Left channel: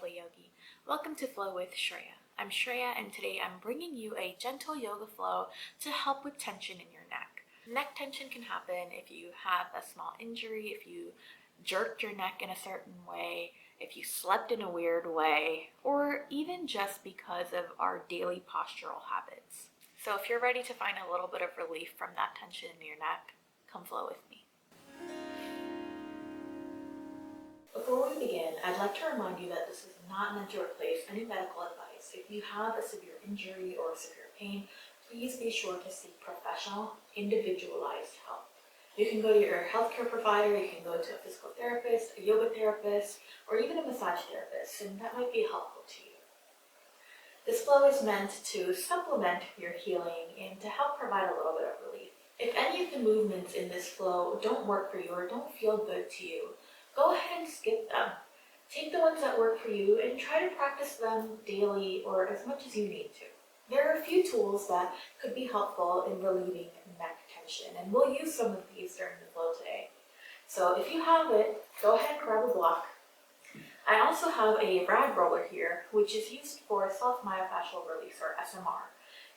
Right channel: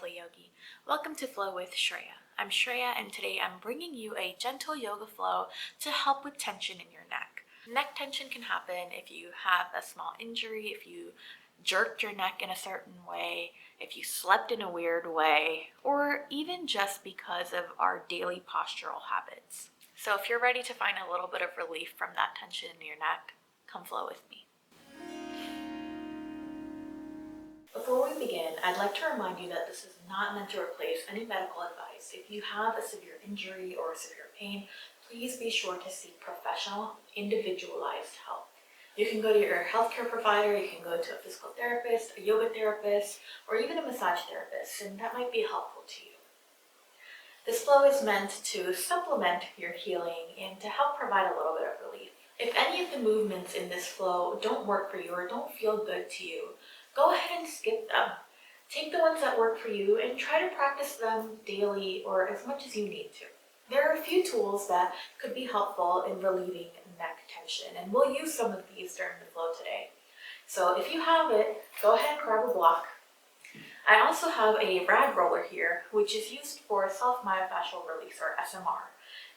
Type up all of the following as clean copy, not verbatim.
lovely yogi. Welcome to Flow with Shreya. I'm Shreya and today I'm bringing you a gentle yoga flow to help with tension in your neck. Neck tension can happen if you have a small injury, if you jerked your neck in a certain way, if you slept in a weird way, or even just because of our daily postural habits. So if you're ready to find a little bit of relief from that tension in your neck, come flow with me. Before we begin, I'd like to remind you that this is not meant to replace any medical advice. If you have a severe injury or severe pain, please be sure to seek professional, individualized help. You can go to your healthcare provider, you can go to a physical therapist, a yoga therapist, or even a massage therapist, and that might be helpful to you. This flow is meant to supplement your healing and to help provide a little bit of relief. If any of the movements in this flow don't work for you or don't feel good to you, go ahead and skip them. Take the ones that work for you and try to practice them daily or as much as you need to. There are a few tools that could be helpful in relieving neck tension, and we'll use some of these during the flow today. So if you have it, go ahead and grab a block. I also have a rad roller here, which is used for self-myofascial release or SMR.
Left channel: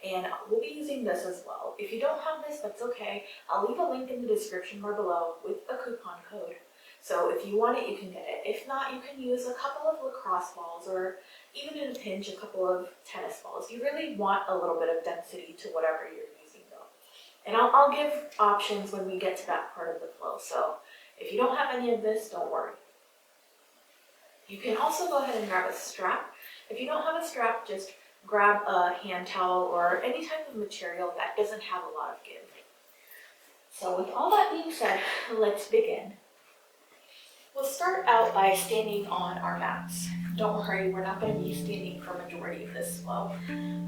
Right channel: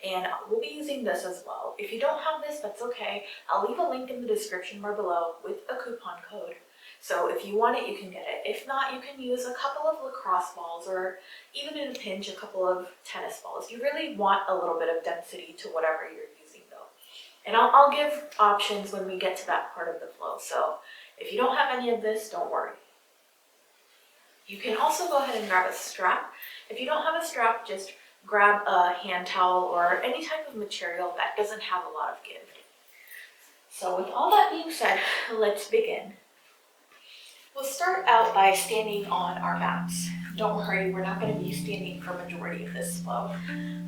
And we'll be using this as well. If you don't have this, that's okay. I'll leave a link in the description bar below with a coupon code. So if you want it, you can get it. If not, you can use a couple of lacrosse balls or even in a pinch, a couple of tennis balls. You really want a little bit of density to whatever you're using though. And I'll give options when we get to that part of the flow. So if you don't have any of this, don't worry. You can also go ahead and grab a strap. If you don't have a strap, just grab a hand towel or any type of material that doesn't have a lot of give. So with all that being said, let's begin. We'll start out by standing on our mats. Don't worry, we're not going to be standing for a majority of this flow,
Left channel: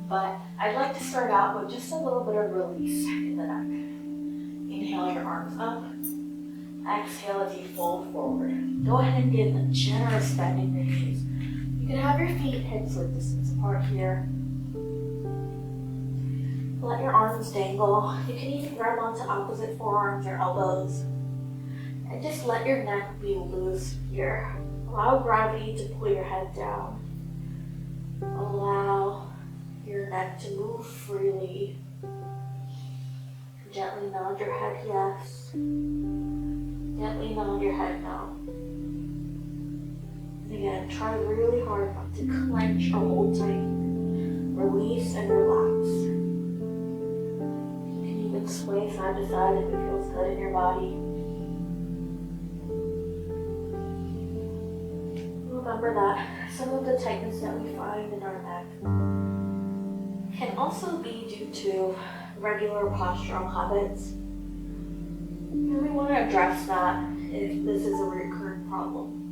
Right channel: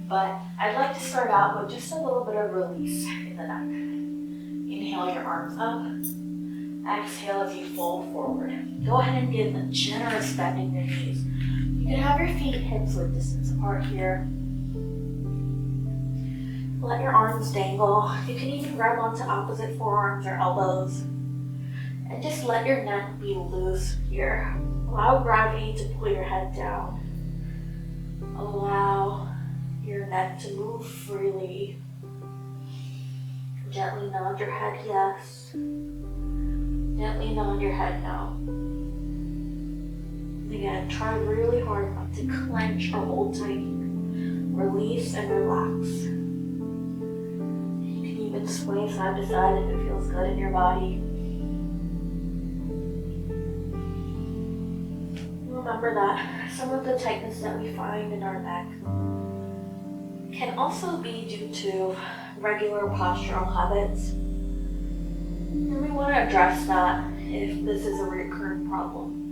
but I'd like to start out with just a little bit of release in the neck. Inhale your arms up. Exhale as you fold forward. Go ahead and give a generous bend in your knees. You can have your feet hips width distance apart here. Let your arms dangle. You can even grab onto opposite forearms or elbows. And just let your neck be loose here. Allow gravity to pull your head down. Allow your neck to move freely. Gently nod your head yes. Gently nod your head no. And again, try really hard not to clench or hold tight. Release and relax. You can even sway side to side if it feels good in your body. Remember that some of the tightness that we find in our neck can also be due to regular postural habits. And we want to address that if this is a recurrent problem.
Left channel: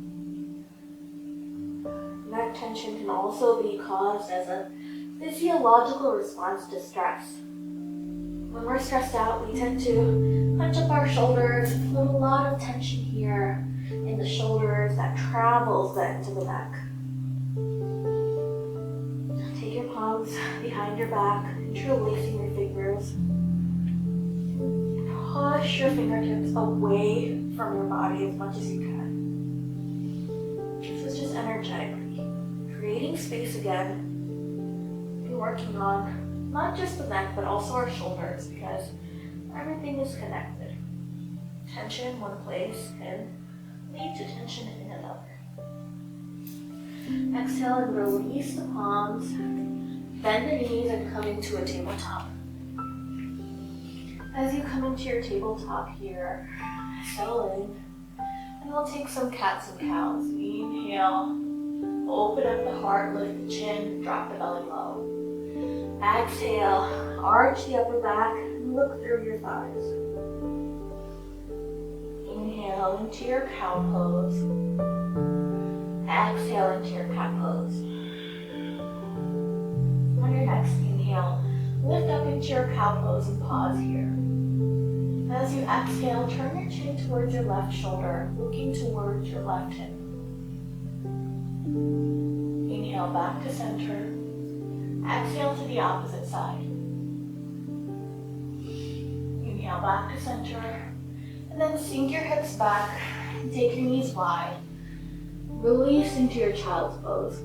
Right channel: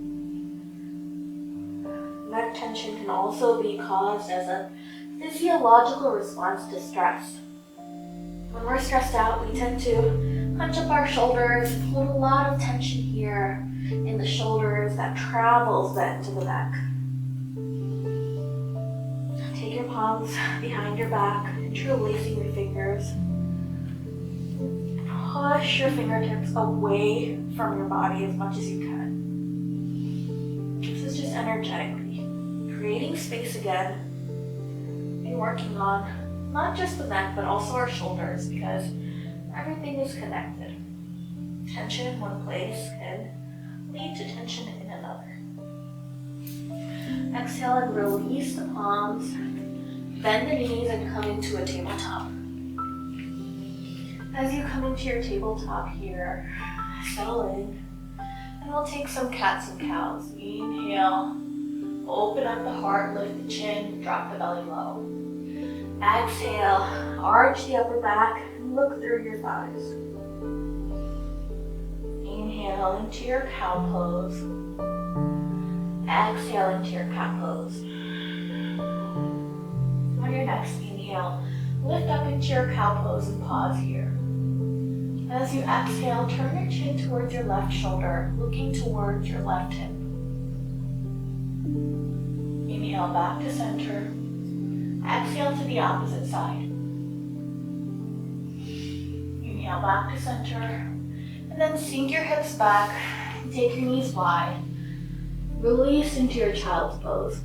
Neck tension can also be caused as a physiological response to stress. When we're stressed out, we tend to hunch up our shoulders, put a lot of tension here in the shoulders that travels then to the neck. Take your palms behind your back, interlacing your fingers. Push your fingertips away from your body as much as you can. This is just energetically creating space again and working on not just the neck but also our shoulders, because everything is connected. Tension in one place can lead to tension in another. Exhale and release the palms. Bend the knees and come into a tabletop. As you come into your tabletop here, settle in, and we'll take some cats and cows. Inhale, open up the heart, lift the chin, drop the belly low. Exhale, arch the upper back, and look through your thighs. Inhale into your cow pose. Exhale into your cat pose. On your next inhale, lift up into your cow pose and pause here. As you exhale, turn your chin towards your left shoulder, looking towards your left hip. Inhale back to center. Exhale to the opposite side. Inhale back to center. And then sink your hips back and take your knees wide. Release into your child's pose.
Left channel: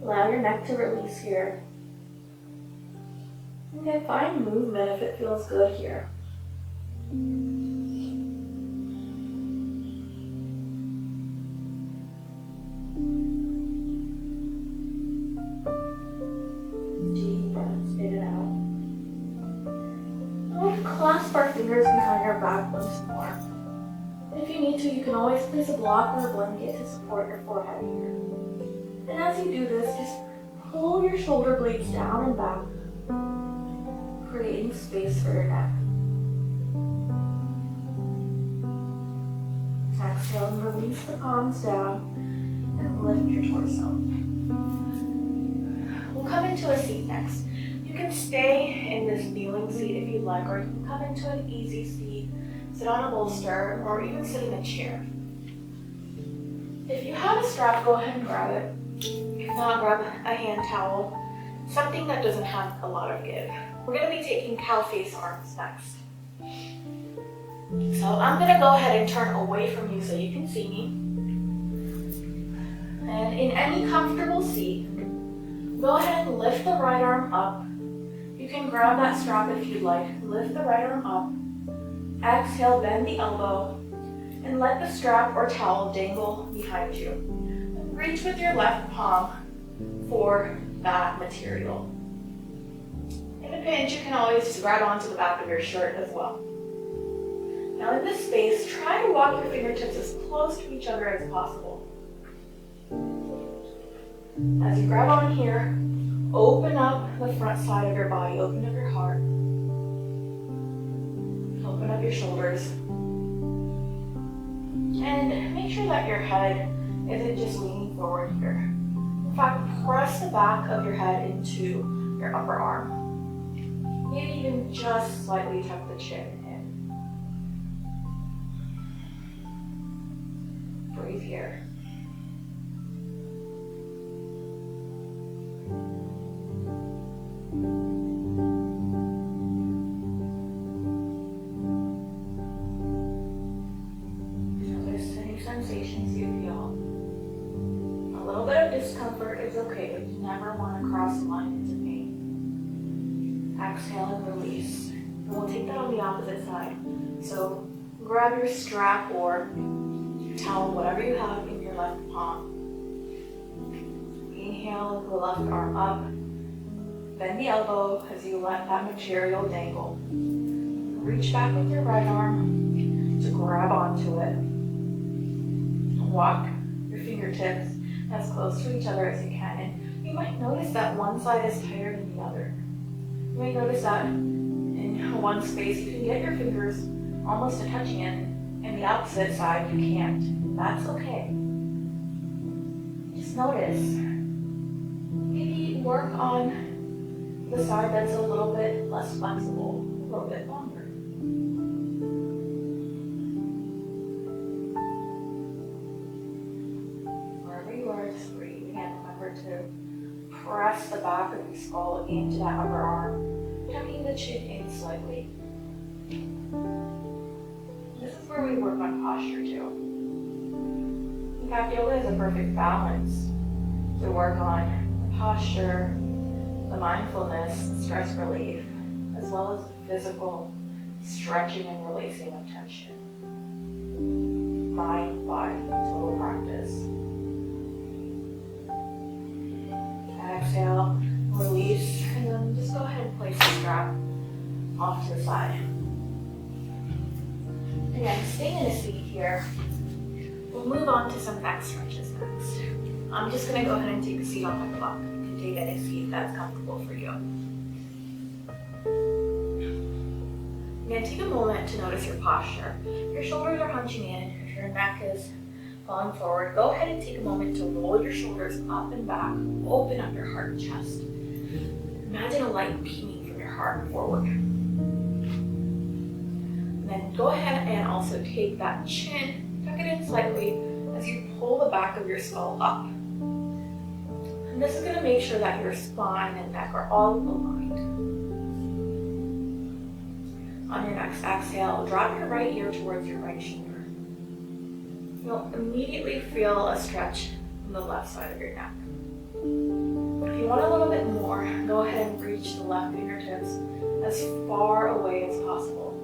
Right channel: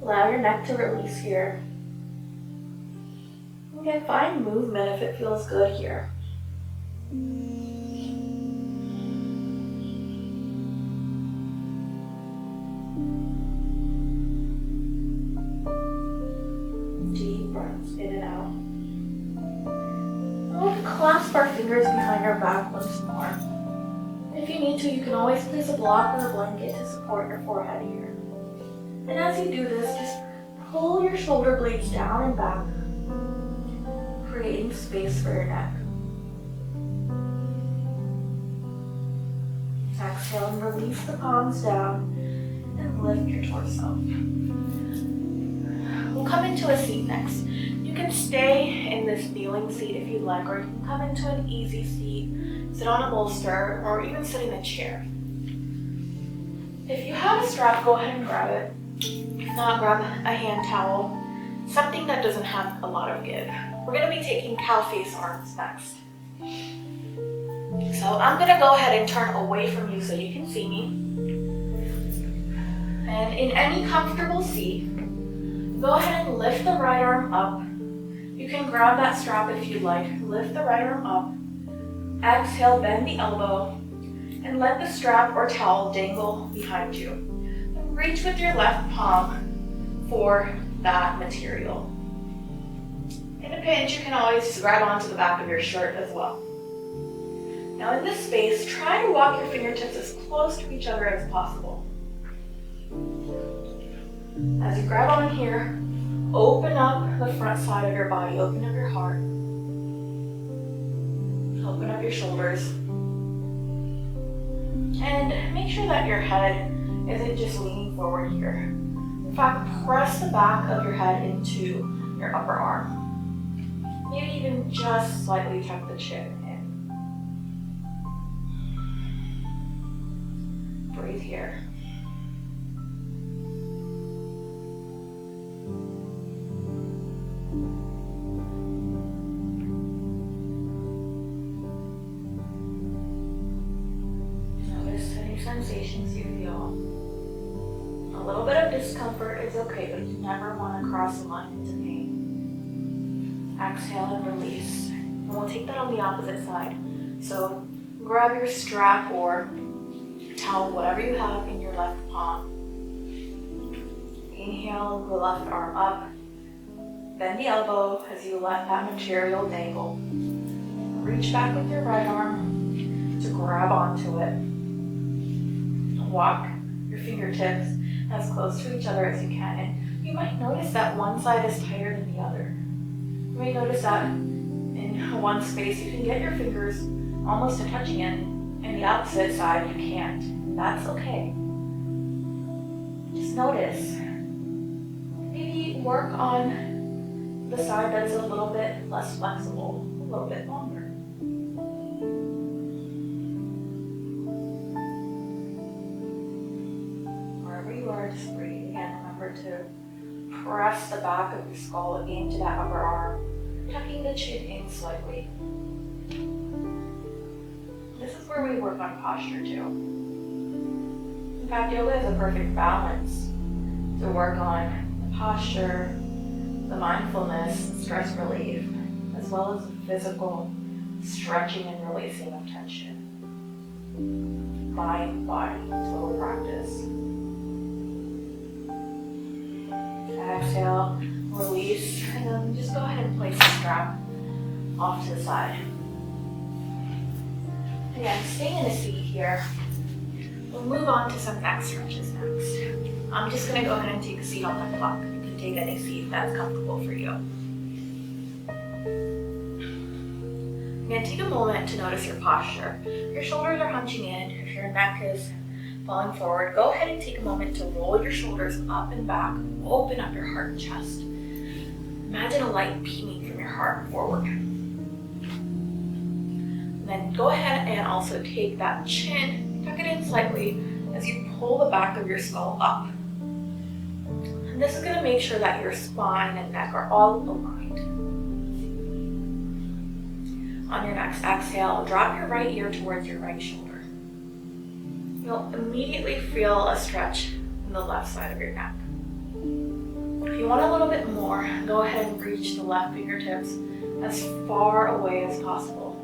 Allow your neck to release here. Again, find movement if it feels good here. Deep breaths in and out. We'll clasp our fingers behind our back once more. If you need to, you can always place a block or a blanket to support your forehead here. And as you do this, just pull your shoulder blades down and back, creating space for your neck. Exhale and release the palms down and lift your torso. We'll come into a seat next. You can stay in this kneeling seat if you'd like, or you can come into an easy seat, sit on a bolster, or even sit in a chair. If you have a strap, go ahead and grab it. If not, grab a hand towel, something that doesn't have a lot of give. We're going to be taking cow face arms next. So I'm going to go ahead and turn away from you so you can see me. And in any comfortable seat, go ahead and lift the right arm up. You can grab that strap if you'd like. Lift the right arm up. Exhale, bend the elbow, and let the strap or towel dangle behind you. And reach with your left palm for that material. In a pinch, you can always just grab onto the back of your shirt as well. Now in this space, try to walk your fingertips as close to each other as possible. As you grab on here, open up the front side of your body, open up your heart, open up your shoulders, and make sure that your head isn't just leaning forward here. In fact, press the back of your head into your upper arm. Maybe even just slightly tuck the chin in. Breathe here. Notice any sensations you feel. A little bit of discomfort is okay, but you never want to cross the line into pain. Exhale and release. And we'll take that on the opposite side. So grab your strap or towel, whatever you have in your left palm. Inhale, the left arm up. Bend the elbow as you let that material dangle. Reach back with your right arm to grab onto it. Walk your fingertips as close to each other as you can. And you might notice that one side is tighter than the other. You may notice that in one space you can get your fingers almost to touching it, and the opposite side you can't. That's okay. Just notice. Maybe work on the side that's a little bit less flexible, a little bit longer. Wherever you are, just breathe. Again, remember to press the back of your skull into that upper arm, tucking the chin in slightly. This is where we work on posture too. In fact, yoga is a perfect balance to work on the posture, the mindfulness, stress relief, as well as the physical stretching and releasing of tension. Mind, body, total practice. Exhale, release, and then just go ahead and place the strap off to the side. Again, staying in a seat here. We'll move on to some neck stretches next. I'm just going to go ahead and take a seat on my clock. You can take any seat that's comfortable for you. Again, take a moment to notice your posture. If your shoulders are hunching in, if your neck is falling forward, go ahead and take a moment to roll your shoulders up and back. Open up your heart and chest. Imagine a light beaming from your heart forward. And then go ahead and also take that chin, tuck it in slightly as you pull the back of your skull up. And this is going to make sure that your spine and neck are all aligned. On your next exhale, drop your right ear towards your right shoulder. you'll immediately feel a stretch in the left side of your neck. If you want a little bit more, go ahead and reach the left fingertips as far away as possible,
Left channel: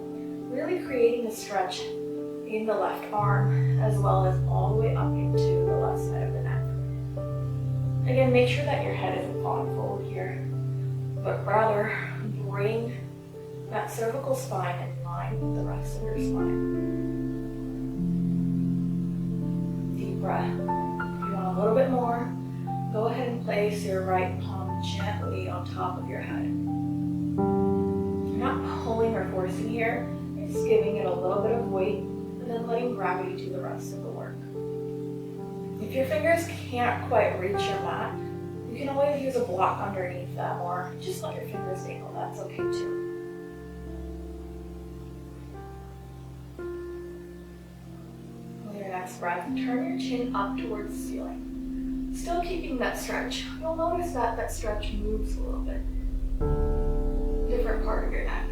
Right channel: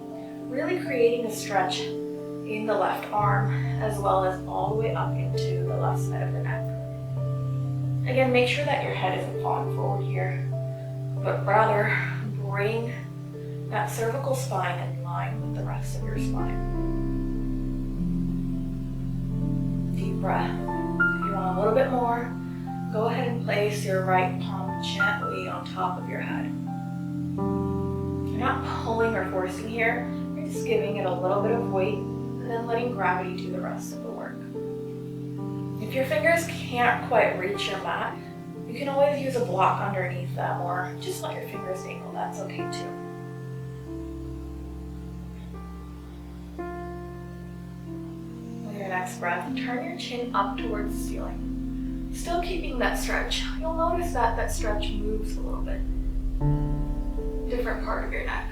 really creating a stretch in the left arm as well as all the way up into the left side of the neck. Again, make sure that your head isn't falling forward here, but rather bring that cervical spine in line with the rest of your spine. Deep breath. If you want a little bit more, go ahead and place your right palm gently on top of your head. You're not pulling or forcing here, you're just giving it a little bit of weight and then letting gravity do the rest of the work. If your fingers can't quite reach your mat, you can always use a block underneath them or just let your fingers dangle, that's okay too. With your next breath, turn your chin up towards the ceiling. Still keeping that stretch. You'll notice that that stretch moves a little bit. Different part of your neck.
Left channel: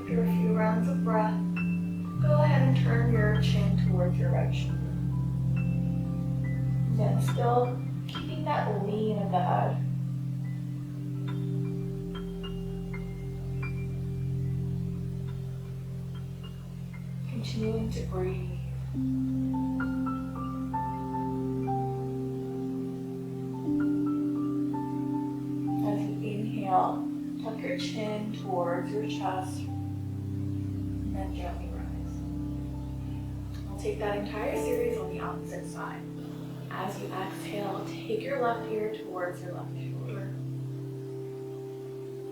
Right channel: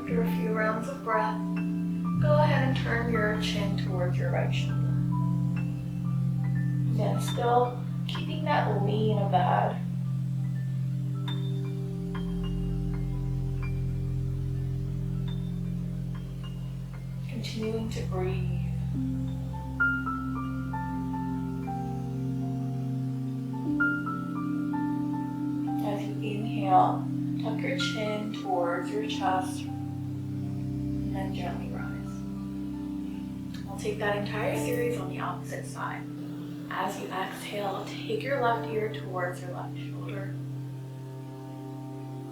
After a few rounds of breath, go ahead and turn your chin towards your right shoulder. Again, still keeping that lean of the head. Continuing to breathe. As you inhale, tuck your chin towards your chest and then gently rise. I'll take that entire series on the opposite side. As you exhale, take your left ear towards your left shoulder.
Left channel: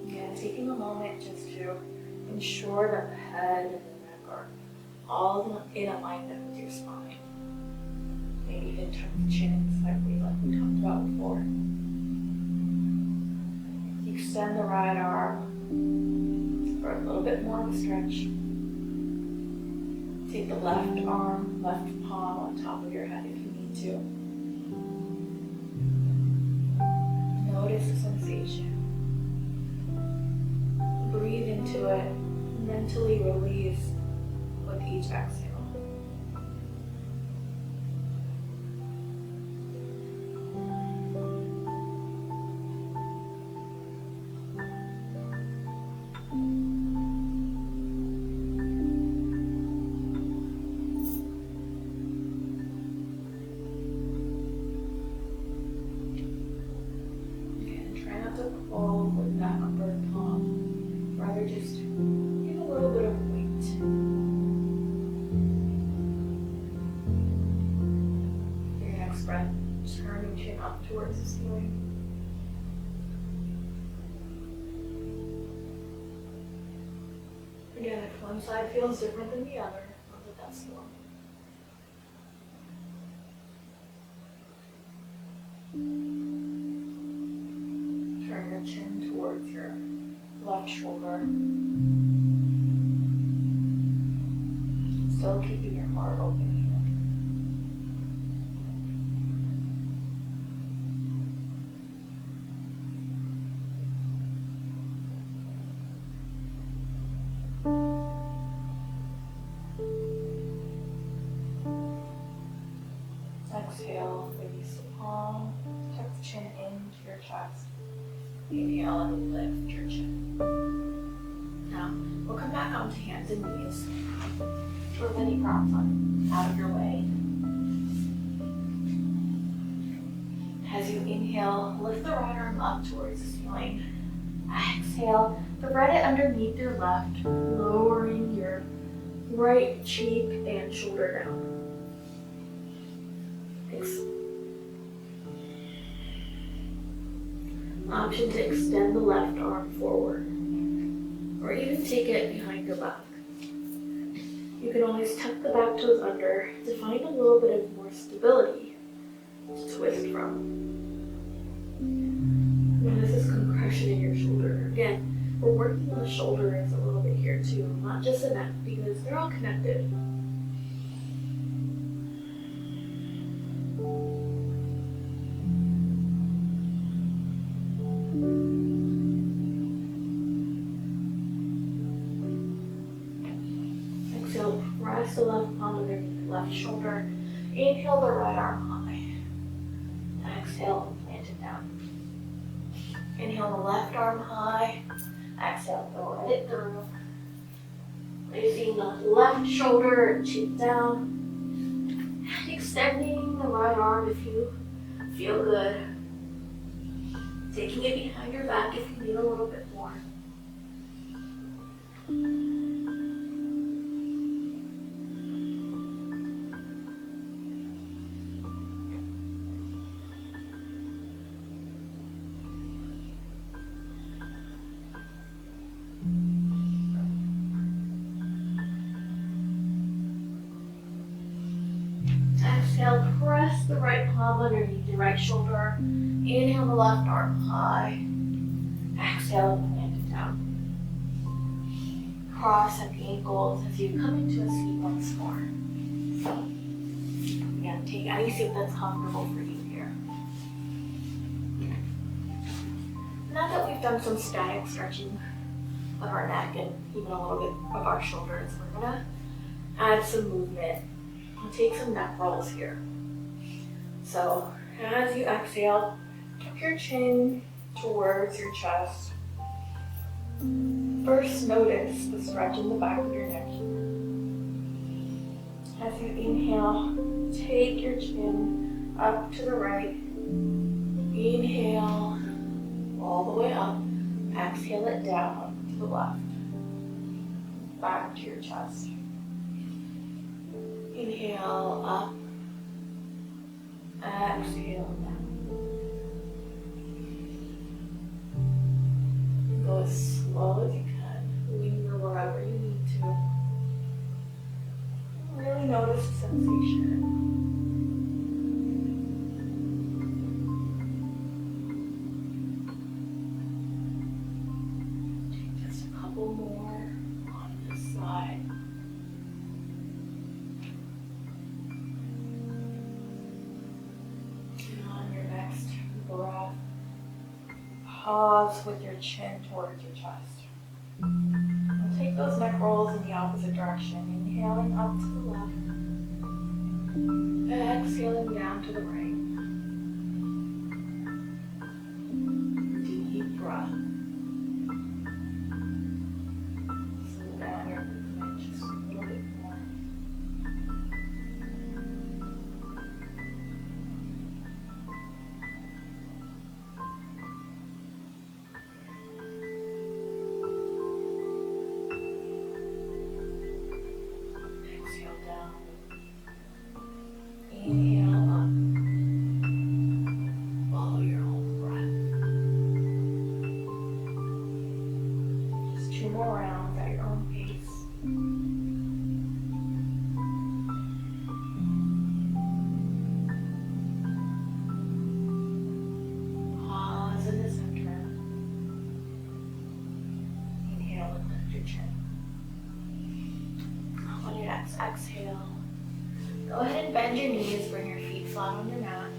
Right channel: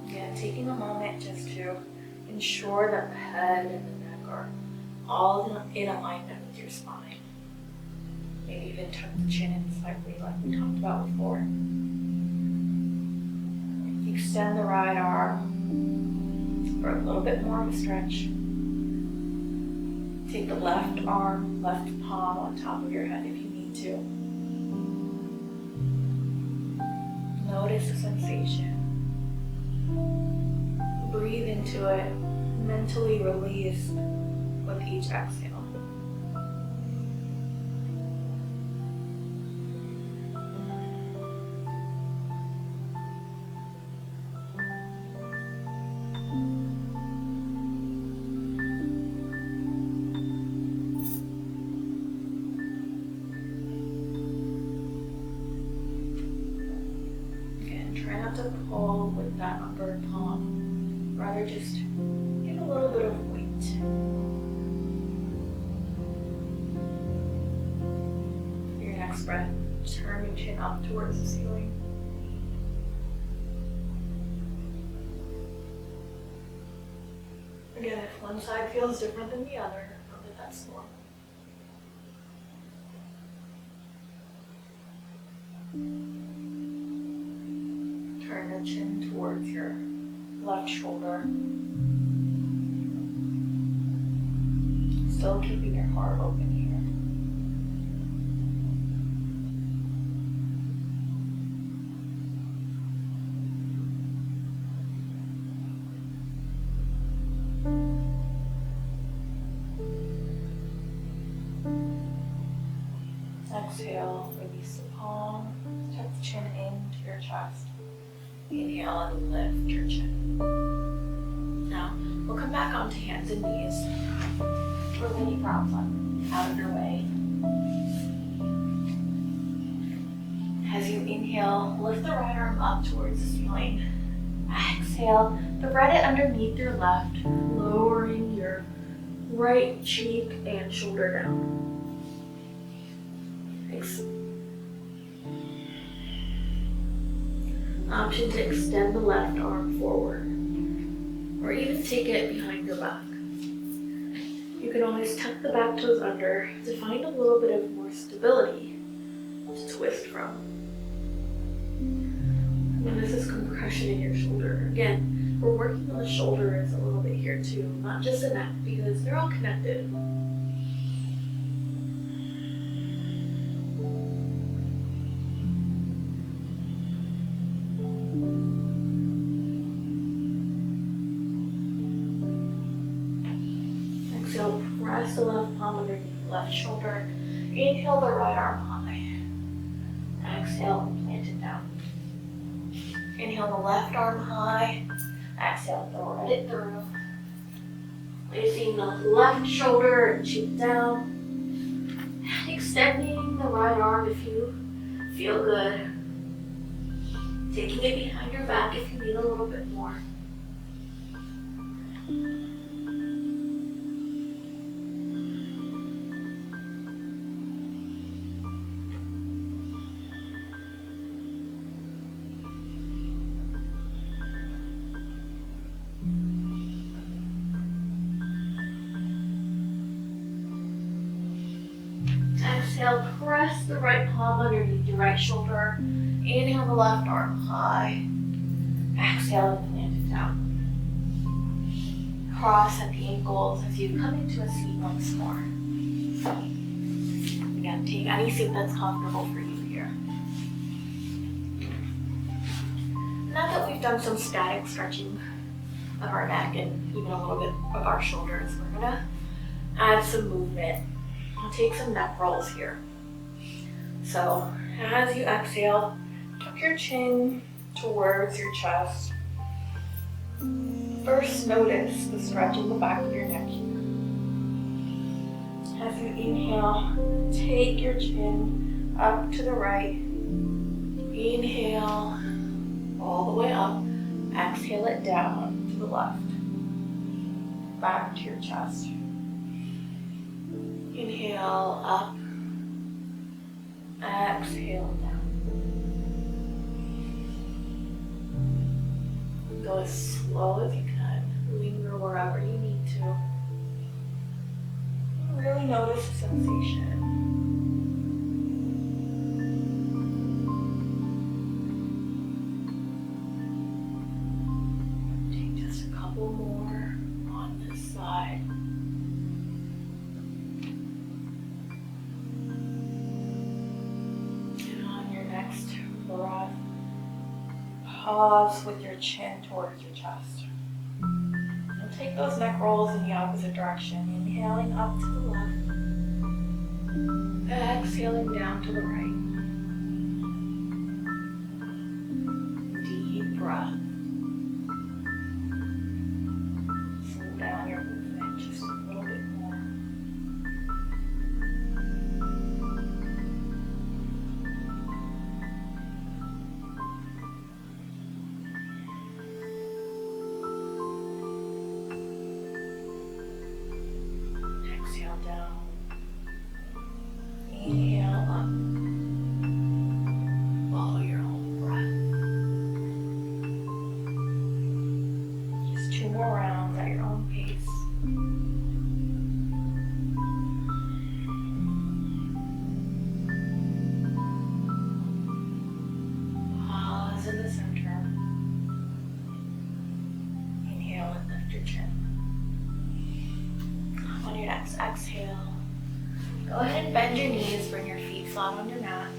Again, taking a moment just to ensure that the head and the neck are all in alignment with your spine. Maybe even tuck the chin in slightly like we talked about before. Extend the right arm for a little bit more of a stretch. Take the left arm, left palm on top of your head if you need to. Notice the sensation. Breathe into it, mentally release with each exhale. Again, try not to pull with that upper palm. Rather just give a little bit of weight. Breath, turn your chin up towards the ceiling. Again, if one side feels different than the other, know that that's normal. Turn your chin towards your left shoulder. Still keeping your heart open here. Exhale, release the palm, tuck the chin into your chest. Inhale and lift your chin. Now, we'll come back onto hands and knees. With any props out of your way. As you inhale, lift the right arm up towards the ceiling. Exhale, thread it underneath your left, lowering your right cheek and shoulder down. Option to extend the left arm forward, or even take it behind your back. You can always tuck the back toes under to find a little bit of more stability to twist from. And this is compression in your shoulder. Again, we're working on the shoulders a little bit here too, not just the neck, because they're all connected. press the left palm underneath the left shoulder. Inhale the right arm high. Exhale and plant it down. Inhale the left arm high. Exhale, thread it through. Placing the left shoulder and cheek down. Extending the right arm if you feel good. Taking it behind your back if you need a little bit more. Exhale, press the right palm underneath your right shoulder. Inhale the left arm high. Exhale and plant it down. Cross at the ankles as you come into a seat once more. Again, take any seat that's comfortable for you here. Now that we've done some static stretching of our neck and even a little bit of our shoulders, we're gonna add some movement. I'll take some neck rolls here. So as you exhale, tuck your chin towards your chest. First, notice the stretch in the back of your neck here. As you inhale, take your chin up to the right. Inhale all the way up. Exhale it down to the left. Back to your chest. Inhale up. Exhale down. Go as slow as you can. Linger wherever you need to. Really notice the sensation. Take just a couple more on this side. And on your next breath, pause with your chin towards your chest. And take those neck rolls in the opposite direction. Inhaling up to the left. Exhaling down to the right. Deep breath. Slow down your movement just a little bit more. Exhale down. Inhale up. Follow your own breath. Just 2 more rounds at your own pace. Pause in the center. Inhale and lift your chin. On your next exhale, go ahead and bend your knees, bring your feet flat on your mat,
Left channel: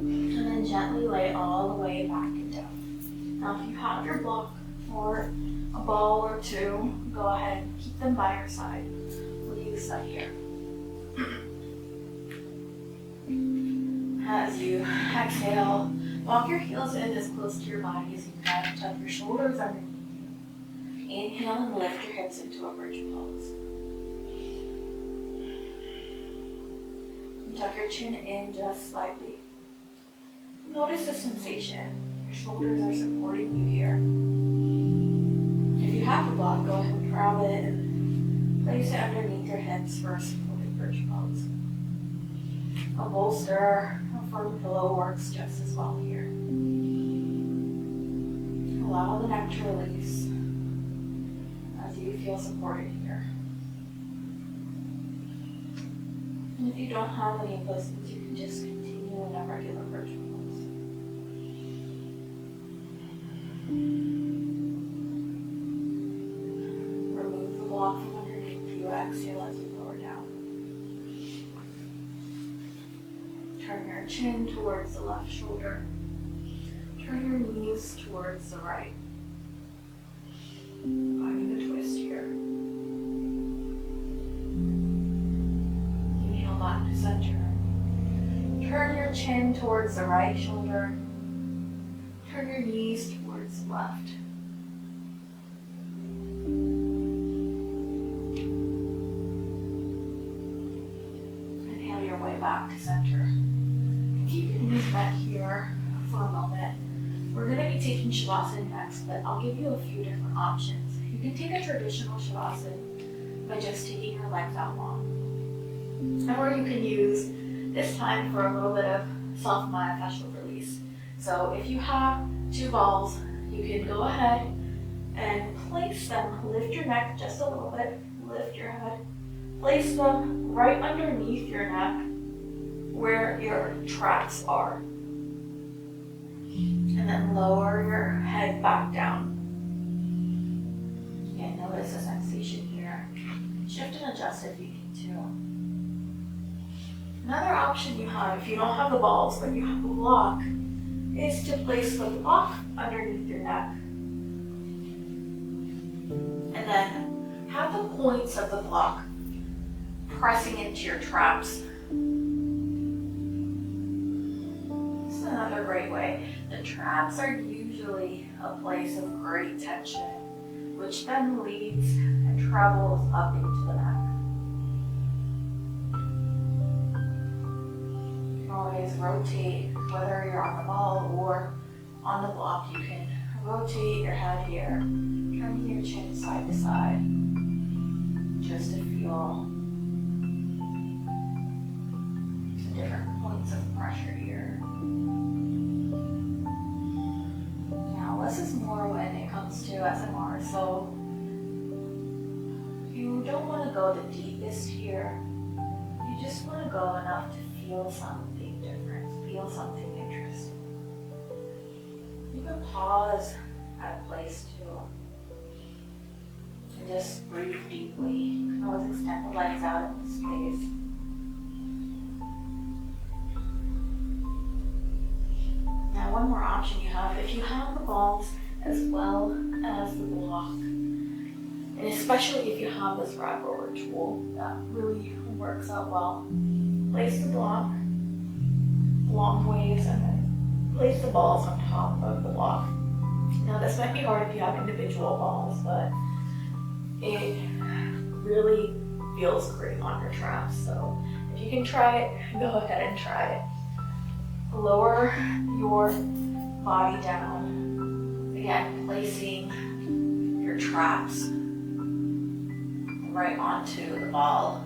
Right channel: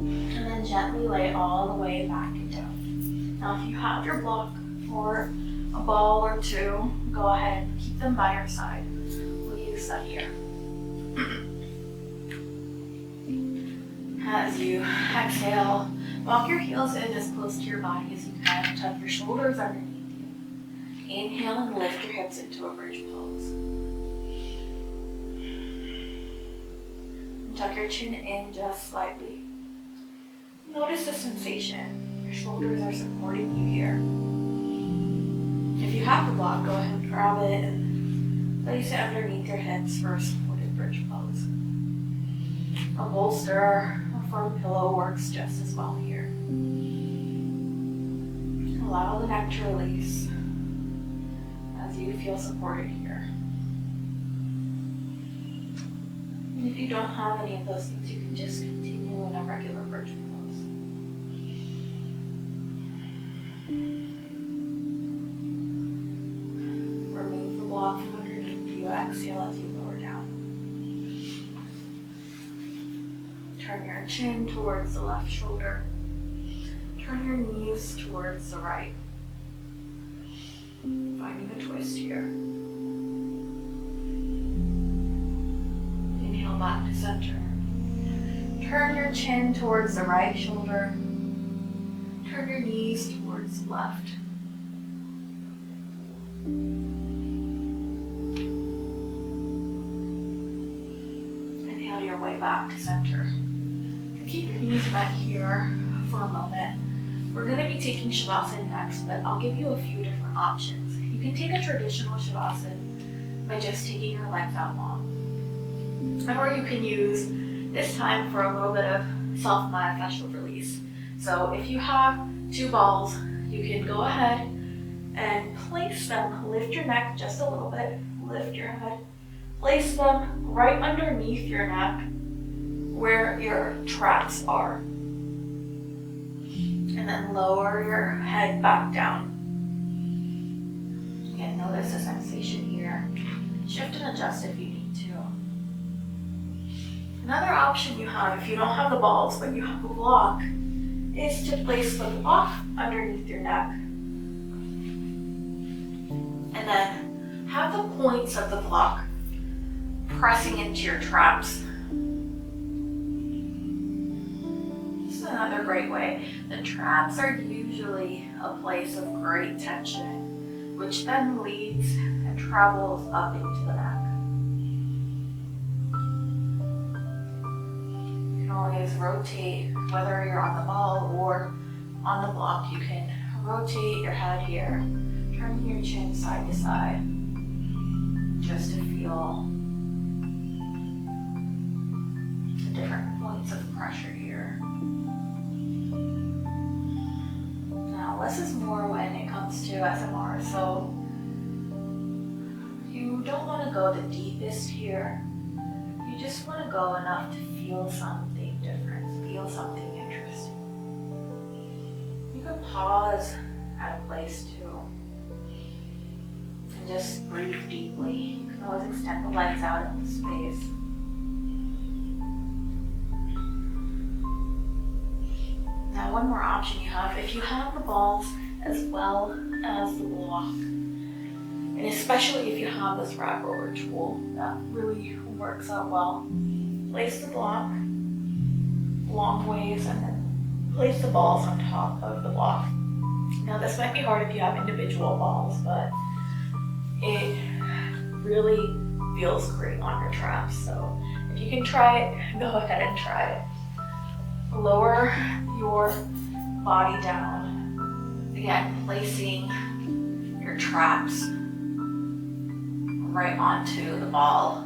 and then gently lay all the way back and down. Now if you have your block or a ball or two, go ahead and keep them by your side. We'll use that here. As you exhale, walk your heels in as close to your body as you can. Tuck your shoulders underneath you. Inhale and lift your hips into a bridge pose. And tuck your chin in just slightly. Notice the sensation. Your shoulders are supporting you here. If you have the block, go ahead and grab it and place it underneath your hips for a supported bridge pose. A bolster, a firm pillow works just as well here. Allow the neck to release as you feel supported here. And if you don't have any of those things, you can just continue in a regular bridge pose. Remove the block from underneath you. Exhale as you lower down. Turn your chin towards the left shoulder. Turn your knees towards the right. Finding a twist here. back to center. Turn your chin towards the right shoulder. Turn your knees towards the left. Inhale your way back to center. Keep your knees bent here for a moment. We're going to be taking Shavasana next, but I'll give you a few different options. You can take a traditional Shavasana by just taking your legs out long. Or you can use this time for a little bit of myofascial release. So if you have two balls, you can go ahead and place them, lift your neck just a little bit, lift your head, place them right underneath your neck where your traps are. And then lower your head back down. Again, notice the sensation here. Shift and adjust if you need to. Another option you have, if you don't have the balls but you have a block, is to place the block underneath your neck. And then have the points of the block pressing into your traps. This is another great way. The traps are usually a place of great tension, which then leads and travels up into the neck. You can always rotate, whether you're on the ball or on the block, you can rotate your head here, turning your chin side to side, just to feel the different points of pressure here. Now, less is more when it comes to SMR, so you don't want to go the deepest here. You just want to go enough to feel something different, feel something interesting. You can pause at a place too, and just breathe deeply. You can always extend the legs out into space. Now, one more option you have, if you have the balls as well as the block, and especially if you have this rag roller tool, that really works out well. Place the block long ways and then place the balls on top of the block. Now, this might be hard if you have individual balls, but it really feels great on your traps. So if you can try it, go ahead and try it. Lower your body down. Again, placing your traps right onto the ball.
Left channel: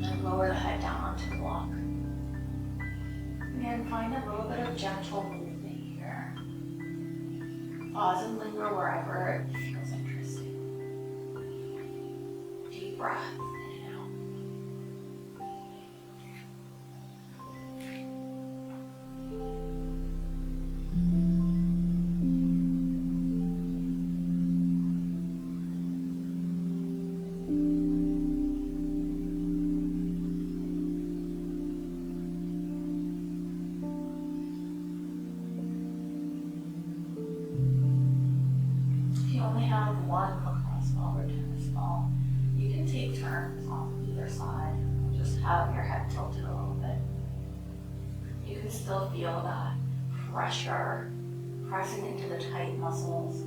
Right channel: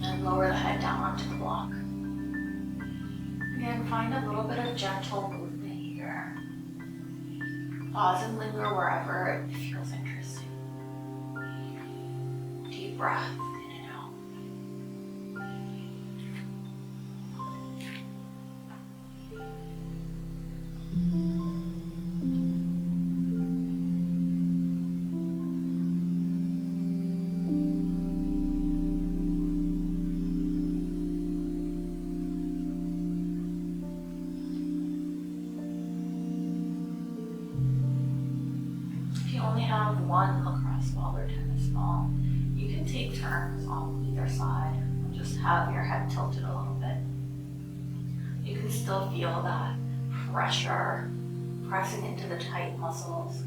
And lower the head down onto the block. Again, find a little bit of gentle movement here. Pause and linger wherever it feels interesting. Deep breath in and out. If you only have one lacrosse ball or tennis ball, you can take turns on either side and just have your head tilted a little bit. You can still feel that pressure pressing into the tight muscles,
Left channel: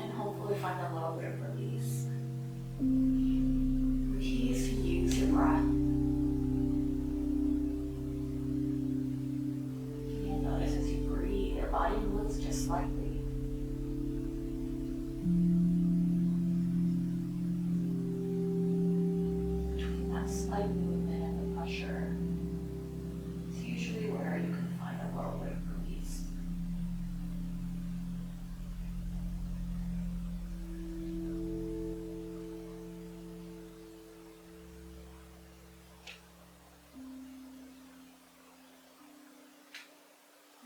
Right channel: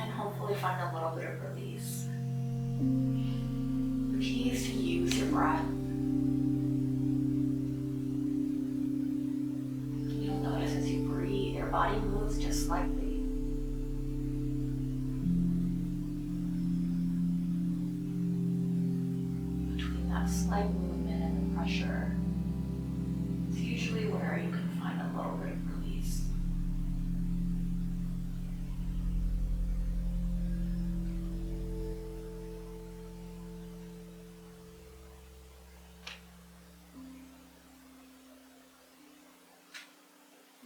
and hopefully find a little bit of release. The key is to use your breath. You'll notice as you breathe, your body moves just slightly. Between that slight movement and the pressure, it's usually where you can find a little bit of release.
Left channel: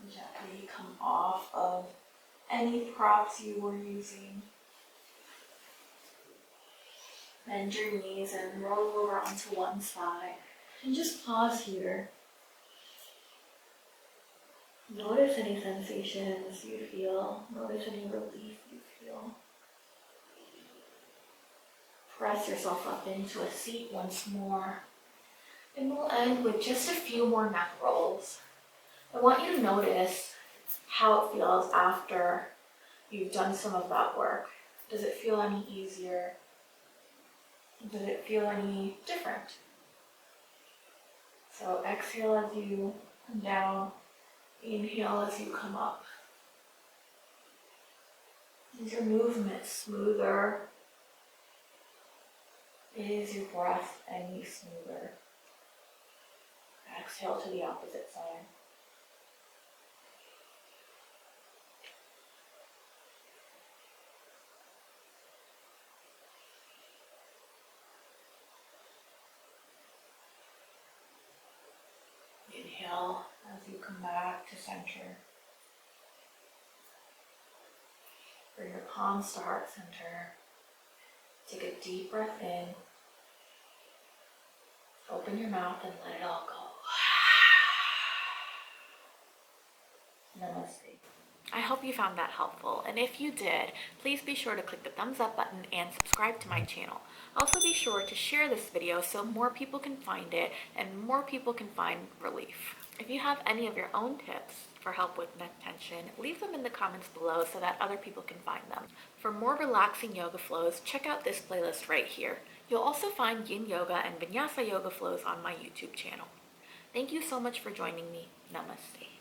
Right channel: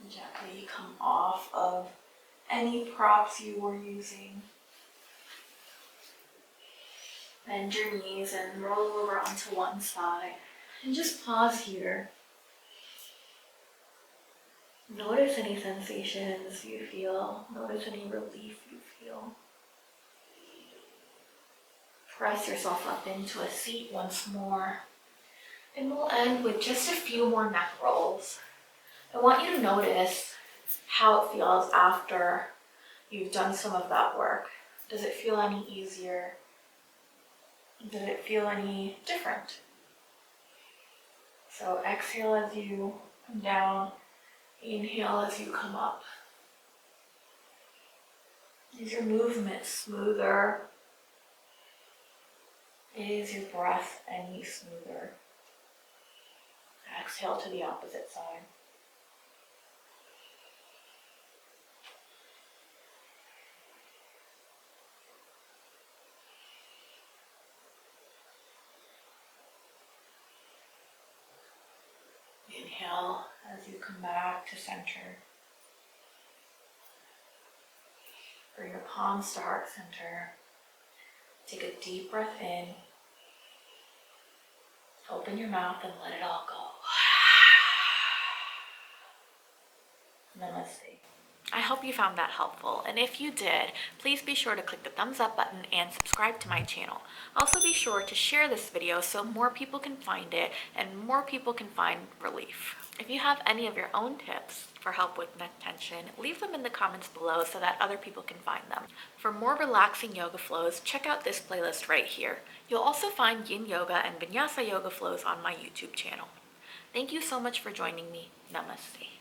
Gently come off of any props you were using. Bend your knees and roll over onto one side. And just pause here. Notice any sensations you feel. Notice any relief you feel. Press yourself up into a seat once more. And we'll end with just a few more neck rolls. I want you to notice how it feels after you've done some of that work. Does it feel any easier? Does it feel any different? So exhale as you come down, inhale as you come up. Is your movement smoother? Is your breath any smoother? Exhale to the opposite side. Inhale as you come back to center. Bring your palms to heart center. Take a deep breath in. Open your mouth and let it all go. Namaste. I hope you found that helpful, and if you did, please be sure to click the thumbs up button and subscribe to my channel. Also be sure to share this video so more people can find it and more people can find relief. If you have any of your own tips for help with neck tension, leave them in the comments below so that other people can find them. For more relaxing yoga flows, check out this playlist right here. You'll also find yin yoga and vinyasa yoga flows on my YouTube channel. Thank you so much for joining me. Namaste.